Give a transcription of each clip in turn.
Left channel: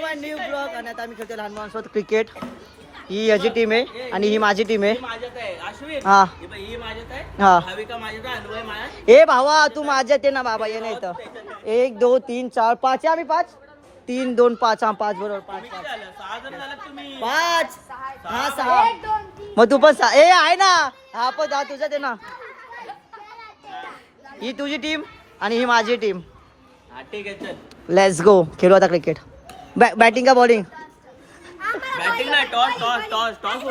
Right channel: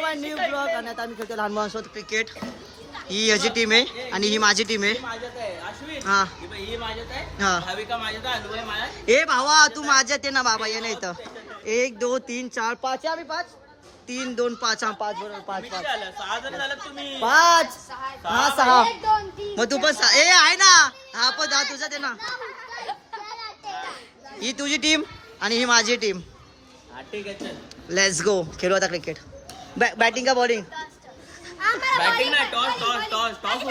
To my new blog. आणि आता आम्ही खेळतो लहान मुलांसोबत क्रिकेट. ही याची टीम आहे आणि ही माझी टीम आहे. हा हा. ए भावा तू माझ्यात आहे ना बाबा. ये नाही इथं. 1 2 3 4 5 आम्ही 5 3 2 5 हा 5 बरोबर 5 हा 6. मग तू पण 6. ए आहे ना हा पण हा तुझा ते ना. ही तुझी टीम आणि ही माझी टीम. लेट्स गो खेळू आता क्रिकेट. बॅटिंग का बॉलिंग? बॅटिंग नाही. Toss toss toss toss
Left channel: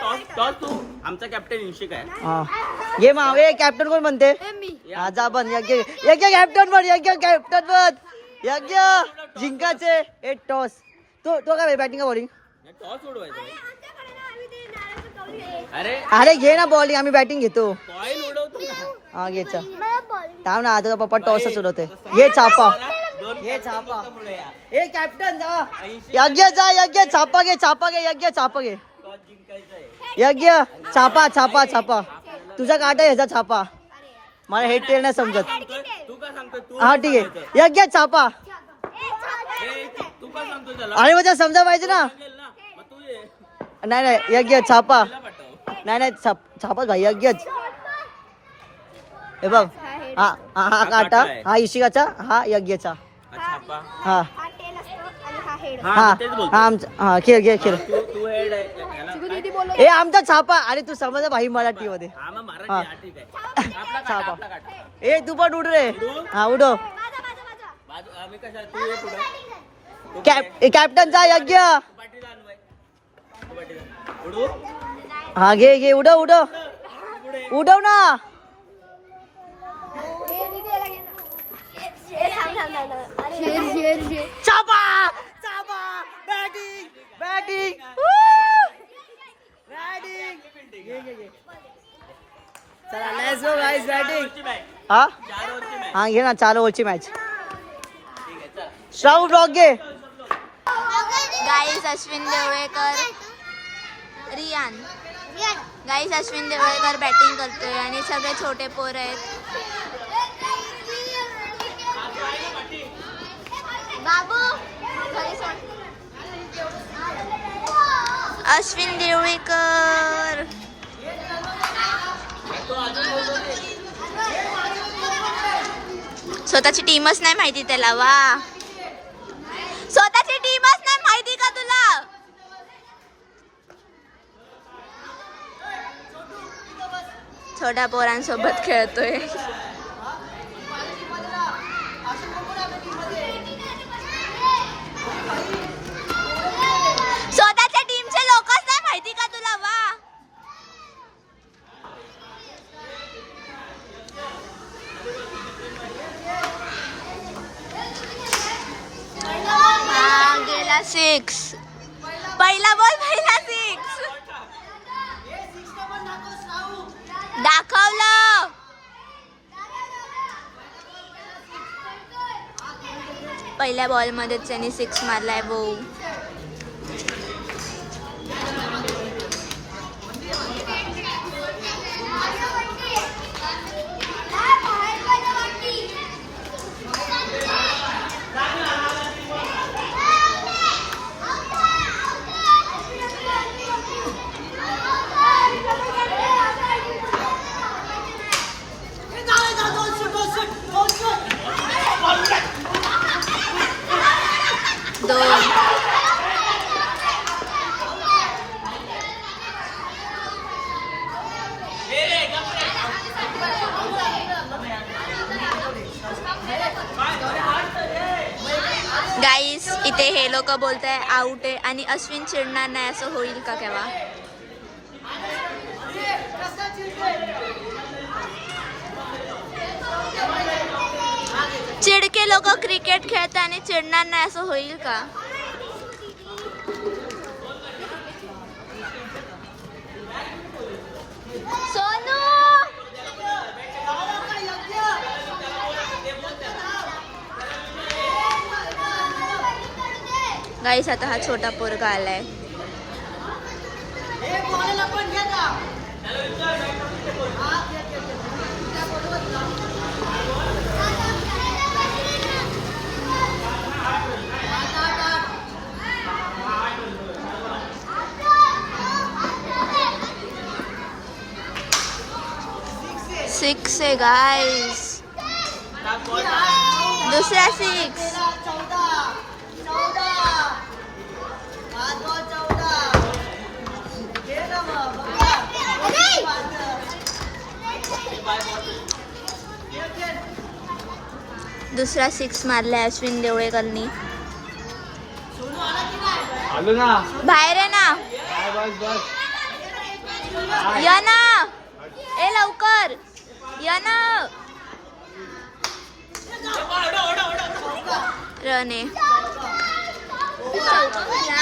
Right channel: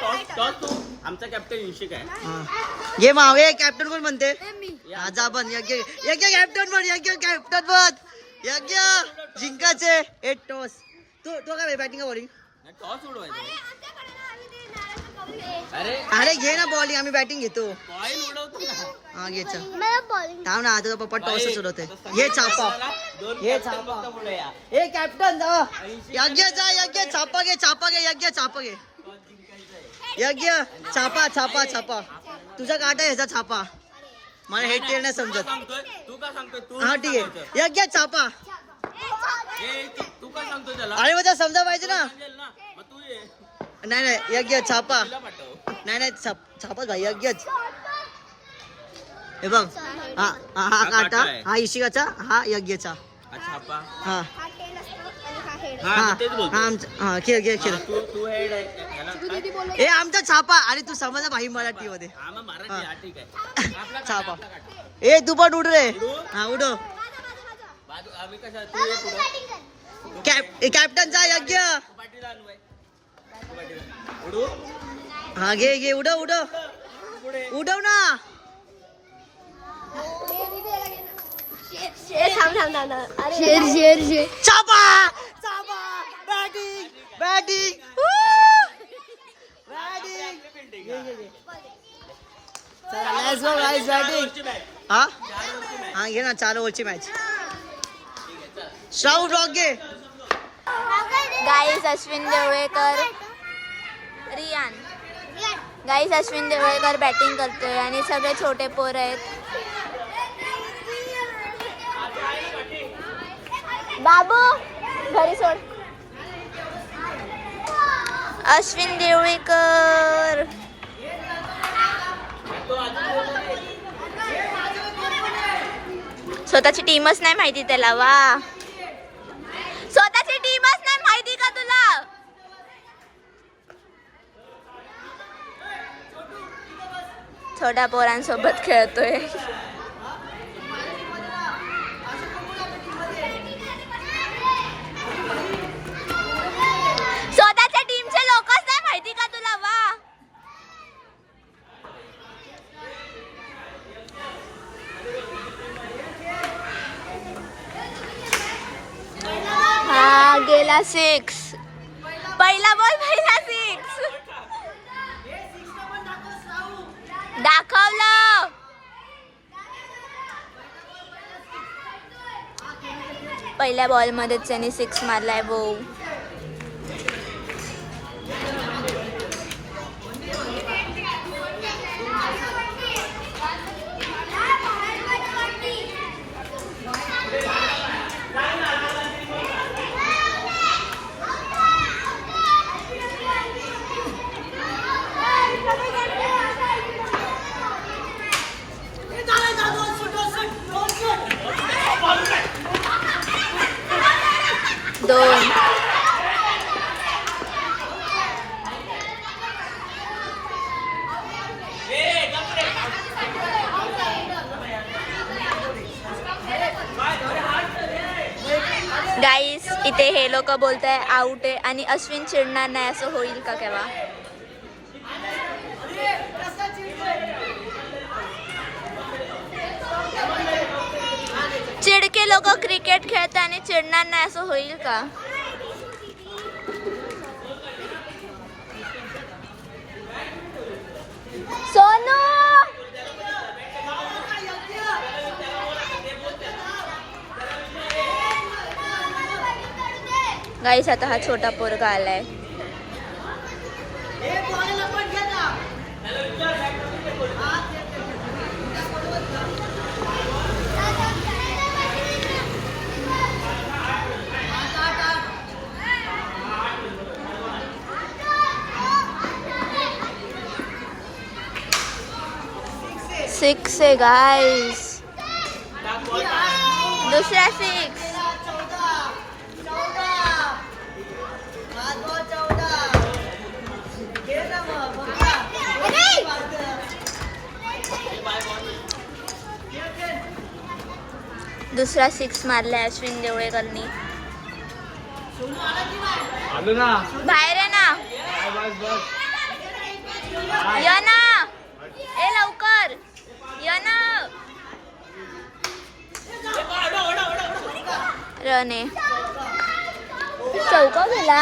toss toss तू आमचा कॅप्टन इन्शिक आहे. हा ये मावे कॅप्टन कोण म्हणते? हा जा बन यज्ञ यज्ञ कॅप्टन बन. यज्ञ कॅप्टन बन. यज्ञ जिंकाचे 8 टॉस. तो काय बॅटिंग का बॉलिंग? टॉस उडवायचा. अरे घे ना बॉलिंग. आम्ही बॅटिंग घेतो. कॉइन उडवतो ना. हा घ्यायचा थांब ना. आता पप्पा टॉसच उडवते. ये छापा ये छापा. ए कॅप्टन जा. यज्ञ जा. यज्ञ छापा घे. छापा घे. यज्ञ छापा घे. यज्ञ छापा छापा छापा. तुझा काटा ह्याचा छापा. मला हे टेर नाही समजत. तू का सांगतोय? तू हा ठीक आहे. यज्ञ छापा. तू का सांगतो त्याला? अरे मग समजा पाहिजे ना. मग तू ये. नाही नाही यज्ञ छापा. पाठव. नाही छापाच भाई यज्ञच. हे बघ हा हा काटा हा इशिकाचा हा यज्ञचा. छापा. हा हा हा तेच बोलतो. हा आमचा हा खेळ खेळ खेळ. तू हेड आहे याला काय? ए आमचा छापा. अरे तू समजा भाई मराठी मध्ये. हा मग मराठी. हा ठीक आहे. आपला छापा. आपला काटा. ए तू पण उड रे. हा उडो. बाजू आम्ही कशा तू ये पुढं. कॅप्टनचा यज्ञ. तू पाठीला आणू आहे. तू पाठीला उडू. हा घे घे उडव उडव पुढे. उडव ना. छापा छापा. Batting batting batting. घे घे घे. चला लेट्स गो गाइस बॅटिंग. हा 4 ओव्हरची मॅच. हा घे ना 4 ओव्हरची मॅच. श्राऊ ब्लॉग घे. गाईस अश्विन देवळेकर रियान. गाईस अश्विन देवळेकर बॅटिंग करतोय आणि सगळे छोटे पोर आहेत. बाबू घरी सोड. अश्विन देवळेकर स्वतःची टीमच नाही माहिती त्याला. वा स्वतःची टीमच नाही माहिती का तुला? छोट्या पोरांसोबत खेळतोय. स्वतःच्या टीमचे लोकच नाही माहिती का तुला? वा हा गेला 6. पहिला बॉल पहिला 6. दाखवलं. पहिल्या बॉल मध्ये त्यांनी 6 मारलाय. वो दोन. गाईस इथे हे लोक बोलताय आउट आहे आणि अश्विन चिडणार नाही. असं होईल का केव्हा? चिडके लोक क्रिकेट खेळतात आणि चिडणार नाही. असं होईल का? सोनू गाईस आता हा छोटा पोरगा आलाय. 6 आहे गाईस. दुसरा 6. दुसरा 6 मारलाय अश्विन देवळेकरनी. बाहेर आहे ना. या ना ए लवकर या ना. रने चौका गेला.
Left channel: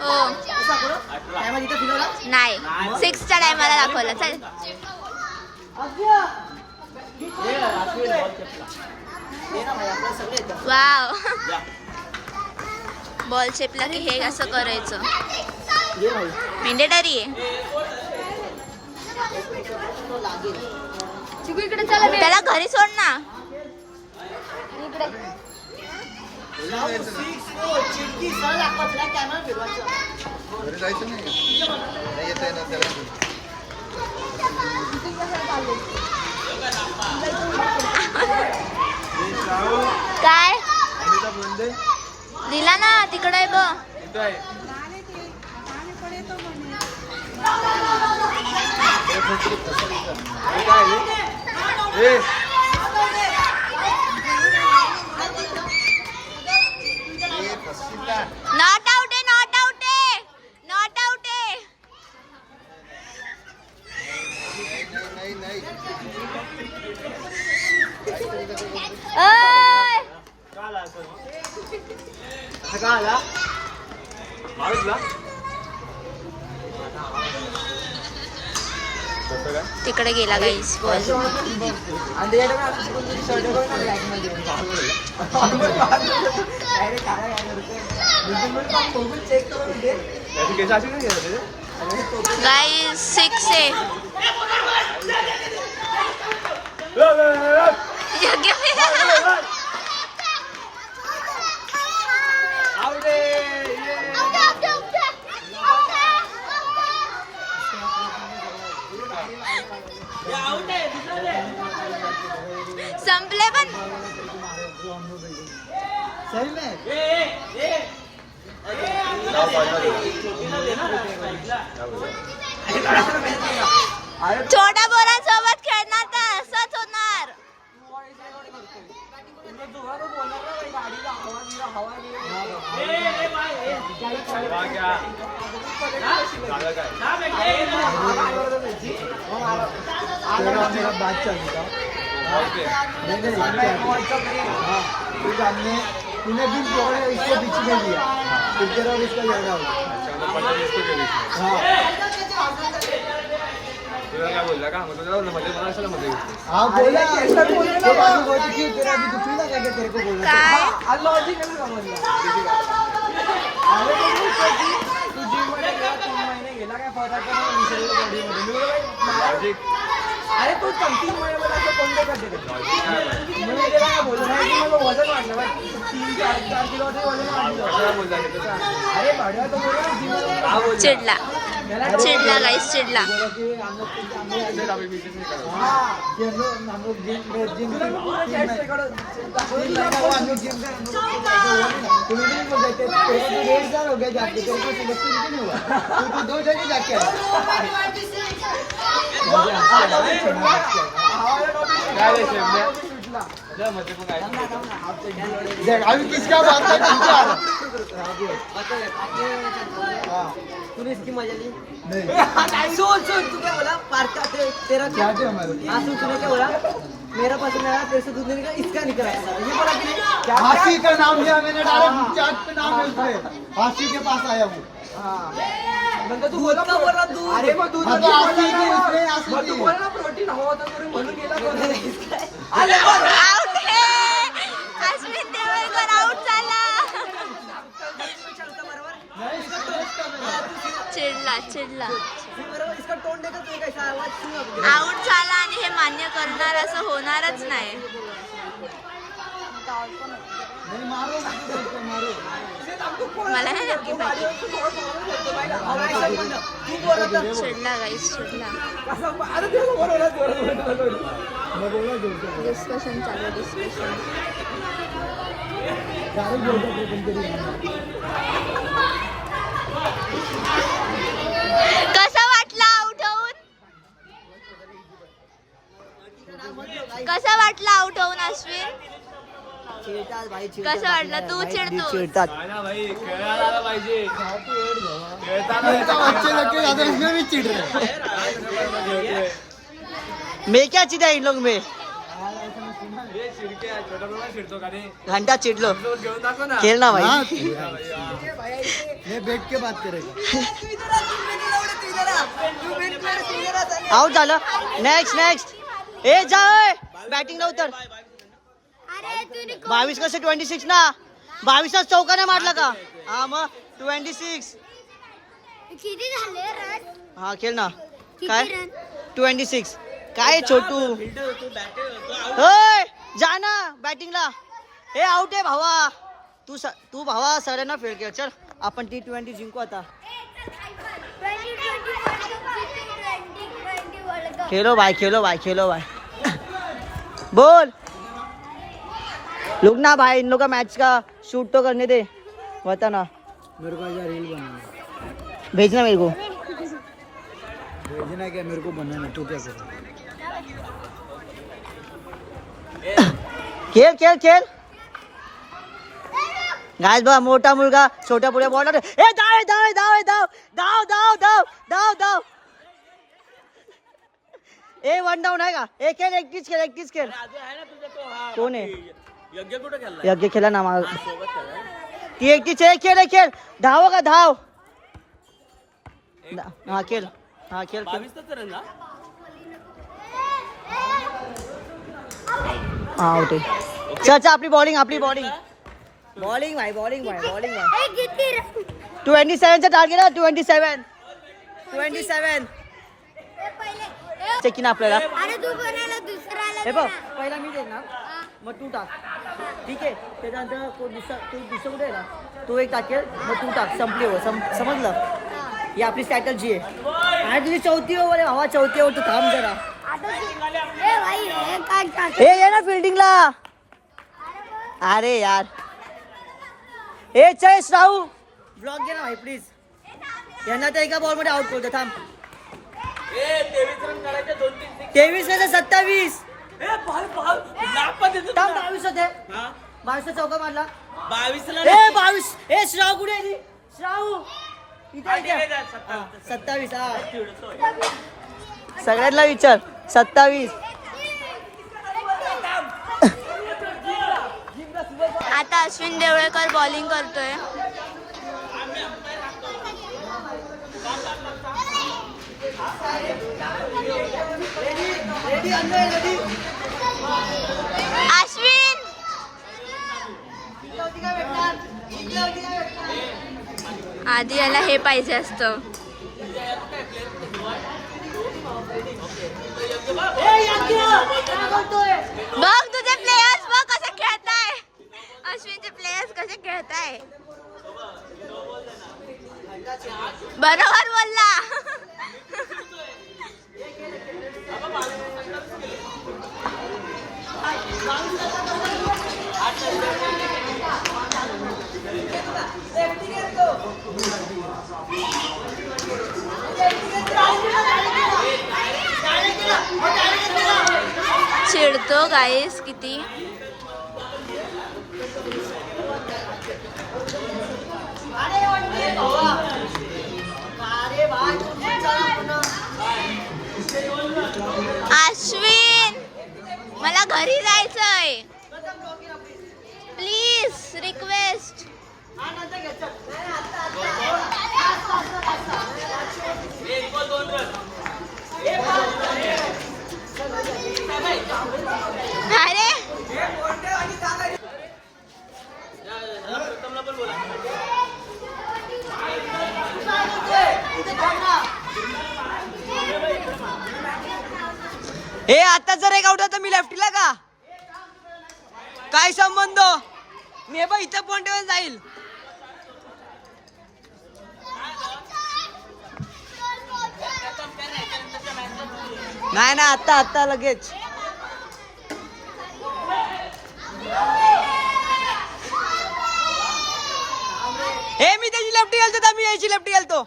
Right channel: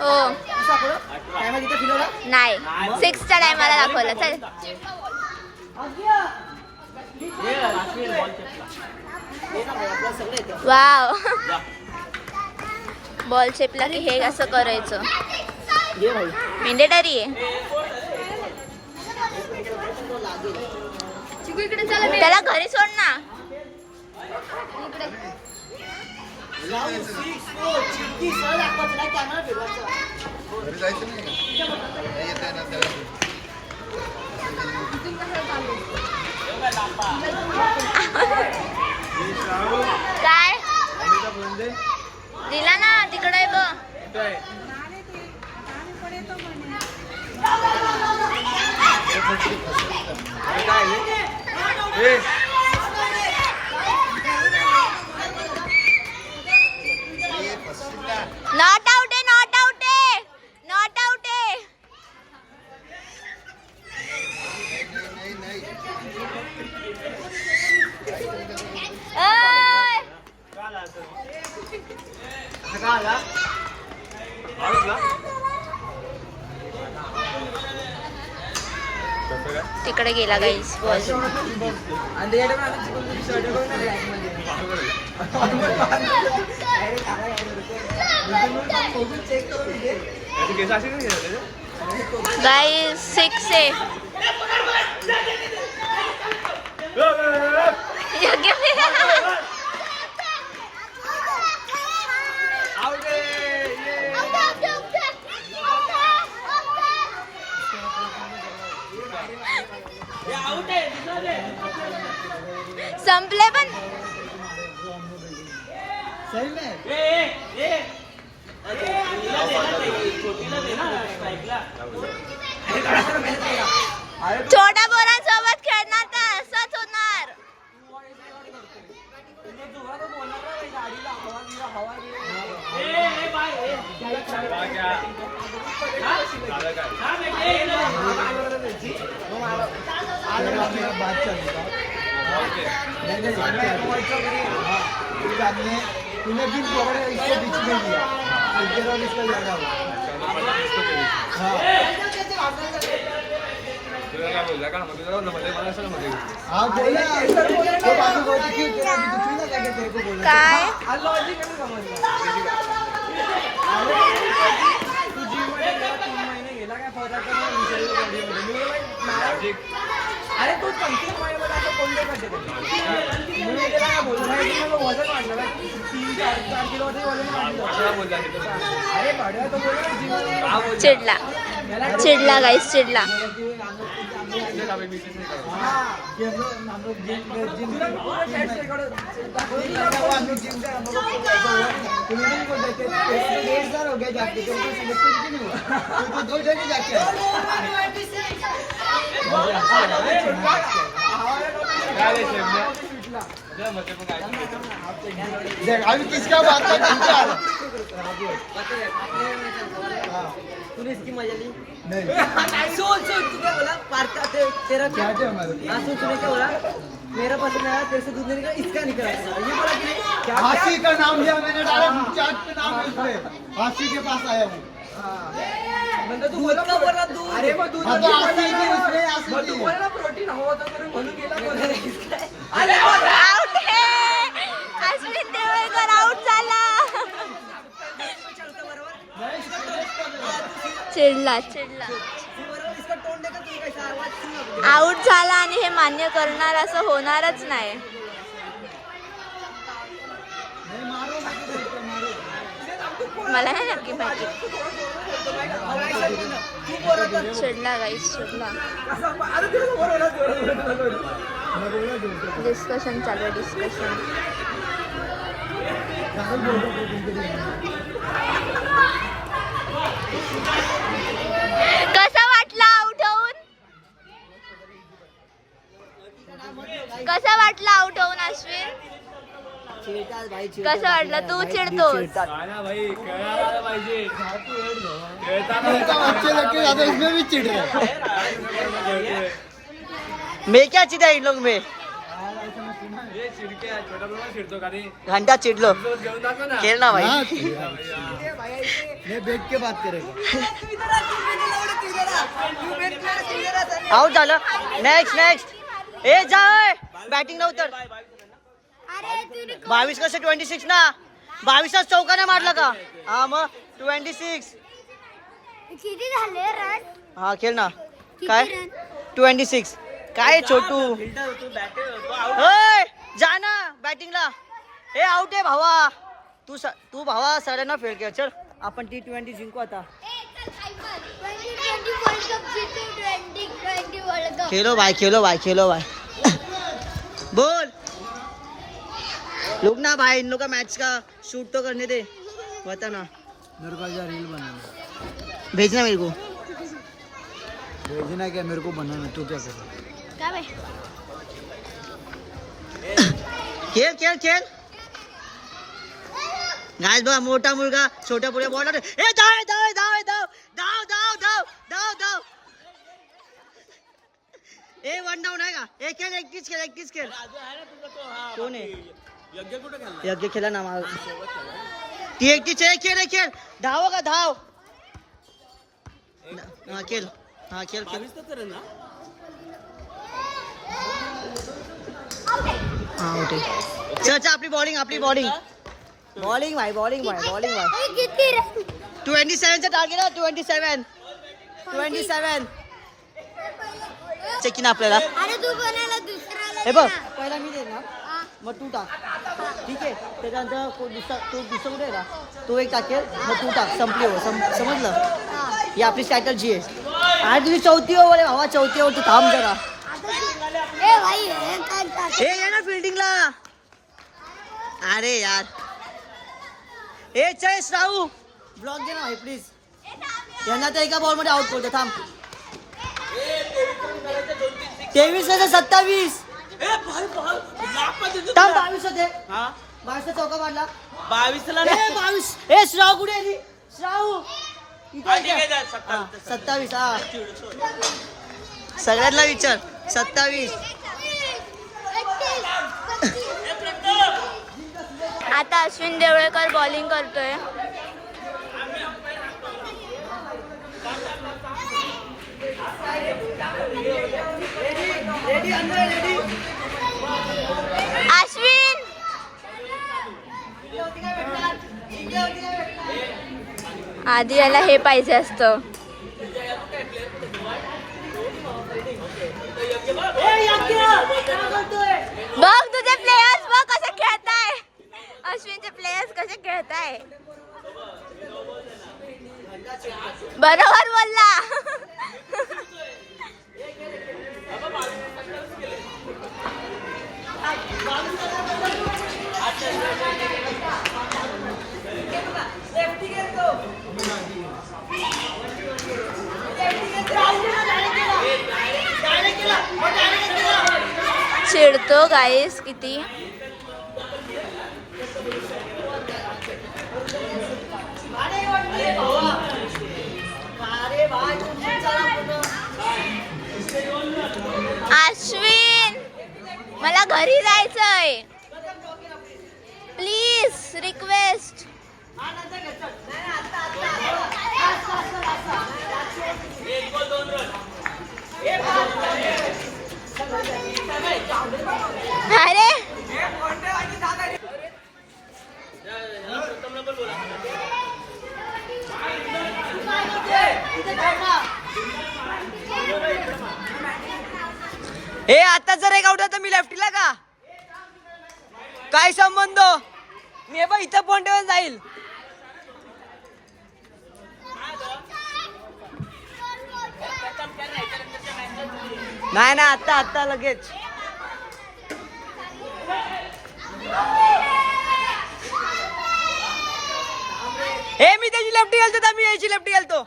हो नाही 6च्या टायमाला दाखवलं. चल वाव. बॉल चेपला की हे असं करायचं. मेंडेटरी आहे. त्याला घरी सोड ना. काय दिला ना तिकडे आहे बघ. नॉट आउट आहे. नॉट आउट आहे. नॉट आउट आहे. तिकडे गेला गाईस बॉल. गाईस 6 आहे. संपले पण. छोट्या पोरांसोबत खेळणार तर असंच होणार. तूने भी पकड़े इसके बीच में दिया इधर और इसका ज्यादा हुआ क्या बोला का मतलब मध्ये मला असं मध्ये हां बोला ऐसा बोला तो बाजू बोलती की तेरा भी कुछ ना करके तेरे को बोला काय लॉजिक नहीं समझ तू जिम मध्ये 3 महिने गेला का फरक नाही विषय लॉजिक अरे तू 3 महिने मला असं कोण करते मी त्याला बोललो नाही की मला वजन वाढलं ना 3-4 किलो ते वजन वाढलं अरे भाडवा तो बोला चिडला. चिडला गाईस चिडला. अभी किसका बात कर तूने इसकी मजा ली नहीं सोच तू क्या बोला पार्क तेरा क्या थे हमारे तूने क्या बोला मेरा पसंद आया पैसे दूध देने का इसका निकला ये बोला कि नहीं हासी का नाम लिया मैंने डायरेक्ट चाट पे नाम है इसमें हासी के पास आया हूँ म्हणजे तू दूध का बोला दूध अरे मग दूध तू बोला प्रोटीन हवं होतं तरी म्हणून गेला आउट आहे. अश्विन देवळकर आउट झाला. चिडला चिडला. आउट झाला आणि हे मान्य करणार असं होणारच नाही. मला नाही नक्की माहिती. सोडला गाईस, सोडला. डिस्कशन चालू आहे, डिस्कशन. कसा वाटला आउट होऊन? कसा वाटला आउट होऊन अश्विन? चिडतात भाई, कसं वाटलं? तू चिडतो? चिडतात. मैं क्या चिढ़ा इन लोग में? घंटा चिढ़ लो, खेलना भाई. मैं बैठ के बात करेगा. आउट झालं. Next next. ए जा बॅटिंग ला उतर. 22 कसे 26 ना. 22 चौकाने मारला का? हा मग 26. हा खेळ ना. काय 26 काय छोटू. जा ना बॅटिंगला. हे आउट आहे भावा. तू भावा सरांना फेल कर. चल आपण T20 जिंकू आता. खेलो भाई, खेलो भाई, खेलो भाई. बोल रुक ना भाई, इन लोग का मैच का शूट तो करने दे. बता ना. मेरे को आज रील बनाना. भेजना मेरे को. भेजना क्या, मेरे को बनाना. तू क्या कर. खेळ खेळ खेळ. गाइस बघा मोठा मुलगा छोट्या पुढे बॉलर. ए धाव धाव धाव धाव धाव धाव धाव धाव धाव. ए वन डाऊन आहे का? ए खेळ, एकटीच खेळ, एकटीच खेळ. कोण आहे? यज्ञ खेळा ना मग. ती एकटीच आहे. खेळ खेळ. धाव का धाव. हा खेळ. हा खेळ खेळ. हा आउट आहे. चल चल आपली बॉलिंग, आपली बॉलिंग. बॉलिंग भाई, बॉलिंग भाई, बॉलिंग भाई. 27 चा टार्गेट आहे. 27 चेक ना आपल्याला. हे बघ पहिला मी देईन ना, मग तू टाक. ठीक आहे. त्याच्यानंतर दुसरा दुसरं कुठे आहे ना, तो एक टाकेल मग तू टाक. संपली हो. समजलं. ही आपली स्ट्रॅटर्जी आहे. आणि तुझी 4थी ओव्हर आहे भावा. 4थी ओव्हर. तू थांब जरा. हे ये ना फिल्डिंगला. अरे यार. हे चल राहू ब्लॉक घे ना भाई प्लीज. यांना तर एका बॉल मध्ये आउट करतो. थांब. 23 नाही 27. थांब 22 होते. 22 चौका मारला. 22. हे श्राव कुठे आहे? श्राव इथे. 27. हा सगळ्यांना विचार. 27. आता अश्विन देवळकर बॉलिंग करतोय. अश्विन आधी याला हे पाहिजे असतं. बघ तुझे प्लेयर्स बघ कसे खेळताय. अश्विनचे प्लेयर्स कसे खेळताय. बरोबर बोलला. चिडतो गाईस किती. अश्विन मला घरी जायचंय. Please request. अरे हे आता जर एक आउट तर मी लेफ्टीला का काय संबंध. मी बघ इथं पॉइंटवर जाईल. नाही ना, आता लगेच. हे मी त्याची लेफ्टी घालतो तर मी याची लेफ्टी घालतो.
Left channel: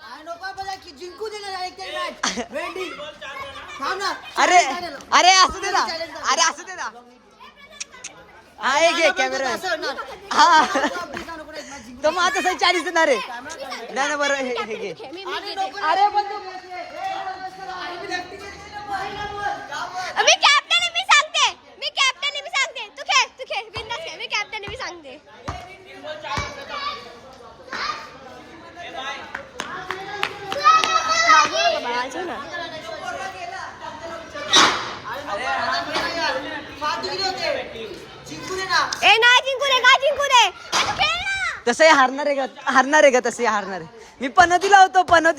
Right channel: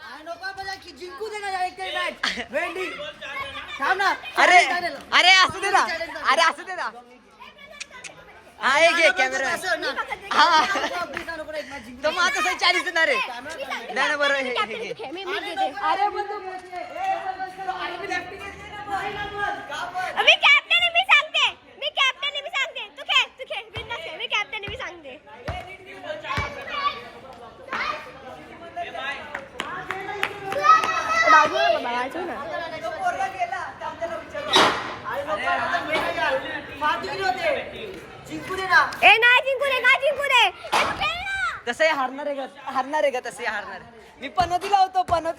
जिंकू दे ना एक तरी मॅच. वेंडी थांब ना. अरे अरे असू दे ना, अरे असू दे ना. हा हे घे कॅमेरा. हा तर मग आता 40 देणार रे. नाही ना बरं हे घे. मी कॅप्टन आहे, मी सांगते. तू खेळ बिंदास खेळ. मी कॅप्टन आहे, मी सांगते. बाजूला बाबा, बाजूला. ए नाही जिंकू दे, का जिंकू दे. तसंही हारणार आहे का तसंही हारणार आहे. मी पनोती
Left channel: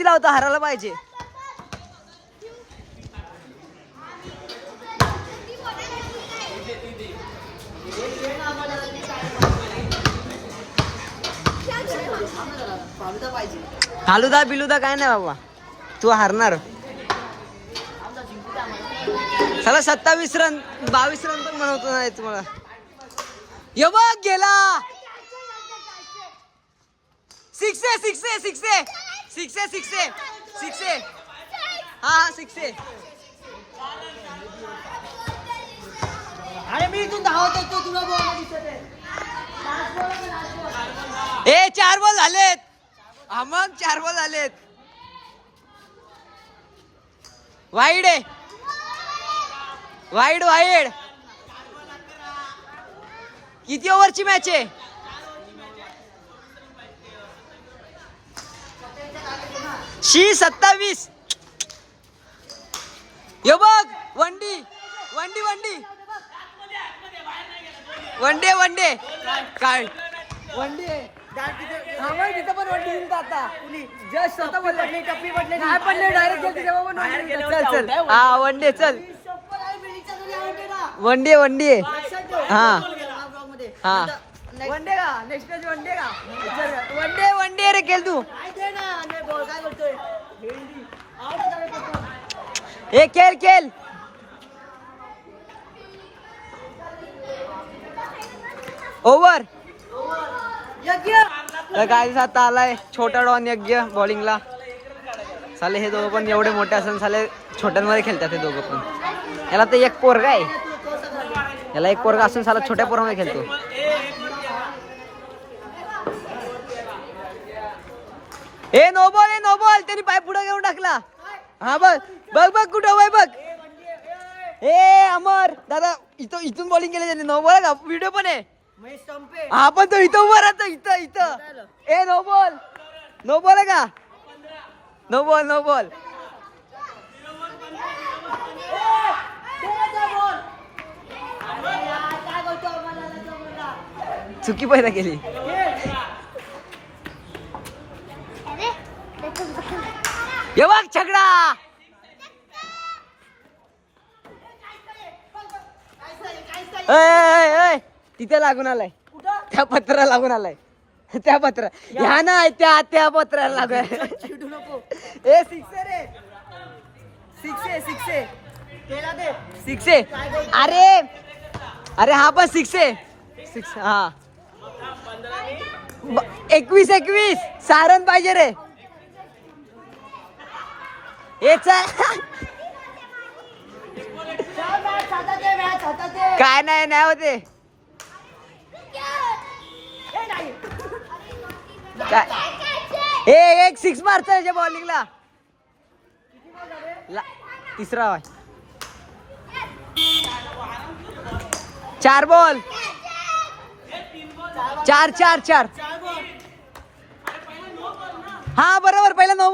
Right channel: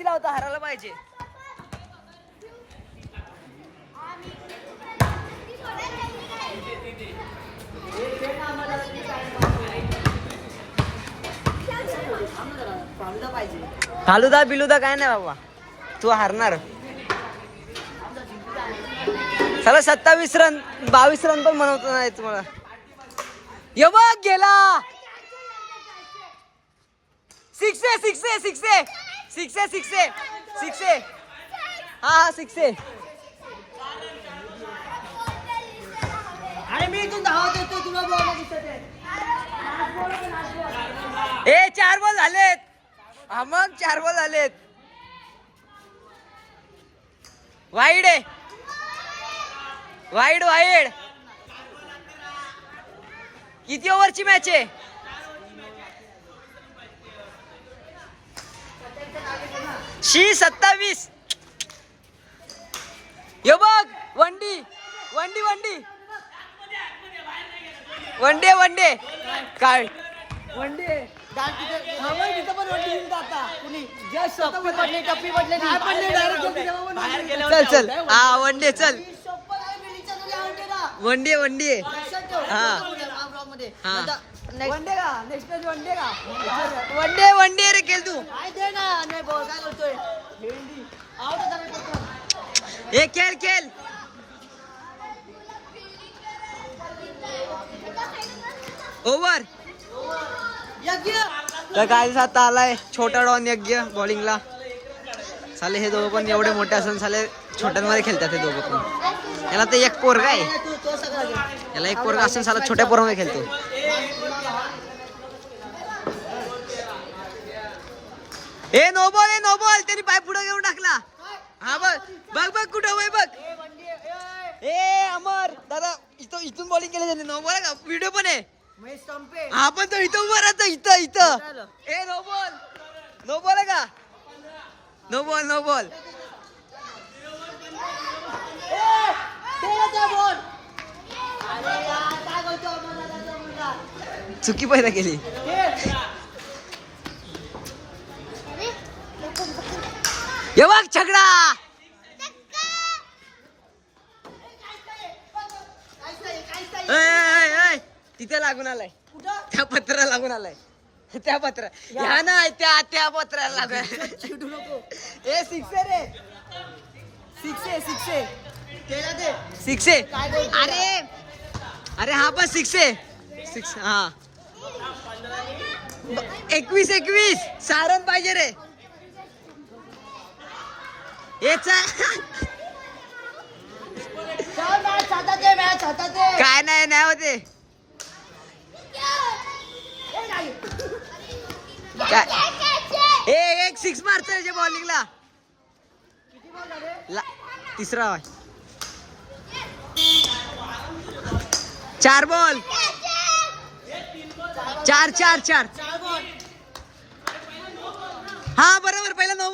लावतो हारायला पाहिजे. फालुदा बिलुदा काय नाही बाबा, तू हारणार. चला 27 रन 22 रन पण म्हणवतो नाही तुम्हाला. ये बघ गेला. 6 हा 6. अरे मी इथून धावत होतो, तुला बॉल दिसत आहे. ए 4 बॉल झालेत. हा मग 4 बॉल झालेत. वाईड आहे, वाईड. किती ओव्हरची मॅच आहे? शी 27. ये बघ वंडी काय वनडे हा मग तिथं पण वंडी जिंकता आता. जस्ट स्वतः पडले, टप्पी पडले. नाही पडले, डायरेक्ट गेली तेव्हा पण वंडी. चल हा वनडे चल. वनडे हा हा वनडे का नेक्स्ट वनडे का वनडे रे खेळ तू. काय दे ना, बॉल काय करतोय. हे खेळ. ओव्हर. तर काय आता आलाय छोटा डॉन यज्ञ बॉलिंगला. साले हे दोघं पण एवढे मोठे असून साले छोट्यांमध्ये खेळतात हे दोघं पण. याला तर एक पोरगा आहे, याला एक पोरगा असून साला छोट्या पोरामध्ये खेळतो. ए नो बॉल त्यांनी पाय पुढे घेऊन टाकला. हा बघ कुठं वय बघ. ए अमर दादा इथून बॉलिंग केली त्यांनी. नो बॉल का व्हिडिओ पण आहे. हा पण तो इथं उभा राहतो इथं. ए नो बॉल आहे का? No ball. चुकी पैदा केली. ये बघ छगडा. तिथे लागून आलाय, त्या पत्रा लागून आलाय. त्या पत्रा ह्या ना त्या पत्राला लागून. चिडू नको. ए 6 रे. 6 अरे हा पण 6 हा. 21 सारण पाहिजे रे. काय नाही होते काय. हे एक 6 मारतो बॉलिंगला. तिसरा आहे. 4 बॉल. 4 हा बरोबर. पहिला नो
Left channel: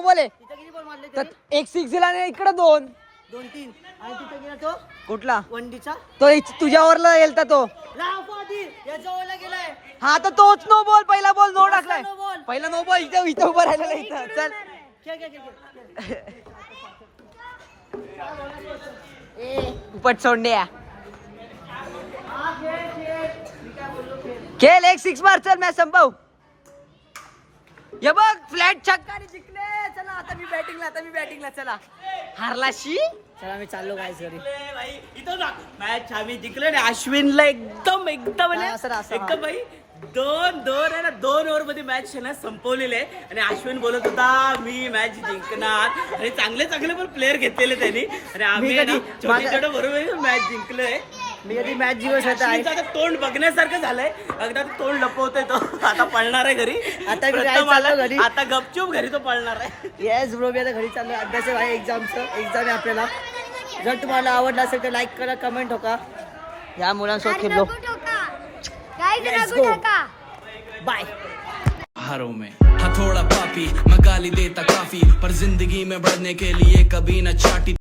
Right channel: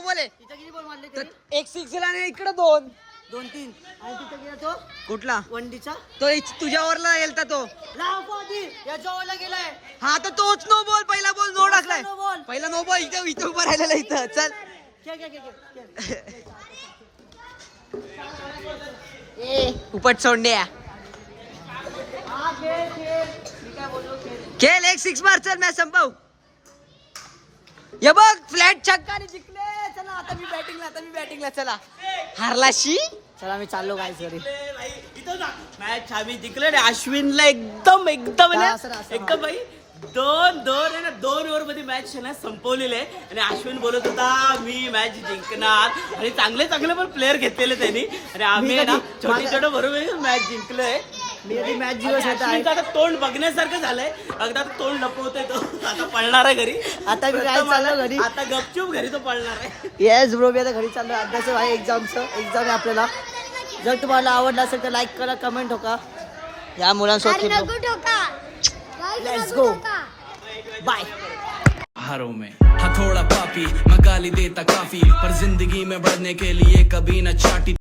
बॉल आहे. किती बॉल मारले तर एक 6 दिला आणि इकडे 2-3 आणि तिथे गेला तो कुठला वंडीचा. तो तुझ्या ओव्हरला गेलता तो. याच्या ओव्हरला गेलाय. हा तर तोच नो बॉल. पहिला बॉल नो टाकलाय. No ball. पहिला नो बॉल इथं उभं राहिलेला इथं. चल उपट सोंड्या खेळ. एक 6 मार. चल मॅच संपव. हे बघ फ्लॅट छक्का आणि जिंकले. चला आता मी बॅटिंगला चला. हारलाशी चला मी चाललो गाईस घरी. भाई इथं मॅच आम्ही जिंकलो रे. अश्विनला एकदम हा, असं. एकदम भाई 2 आहे ना 2 ओव्हर मध्ये मॅच आहे ना संपवलेली आहे. आणि अश्विन बोलत होता मी मॅच जिंकणार. आणि चांगले पण प्लेअर घेतलेले त्यांनी. आणि आम्ही कधी- छोटे बरोबर मॅच जिंकलोय. मी कधी मॅच जिंकत होता आहे. अश्विनचं आता तोंड बघण्यासारखं झालंय. एकदा तोंड लपवतोय तो. आता पळणार आहे घरी. आता मी काय चाललो घरी. आता गपचूप घरी तो पळणार आहे. येस ब्रो, मी आता घरी चाललो. अभ्यास आहे एक्झाम आहे आपल्याला. जर तुम्हाला आवडलं असेल तर लाईक करा, कमेंट ठोका. या मुलांसोबत खेळलो. Let's go bye. हारों में हथौड़ा पापी मैं गाली देता काफी पर जिंदगी में बढ़ने के लिए कभी न चाटी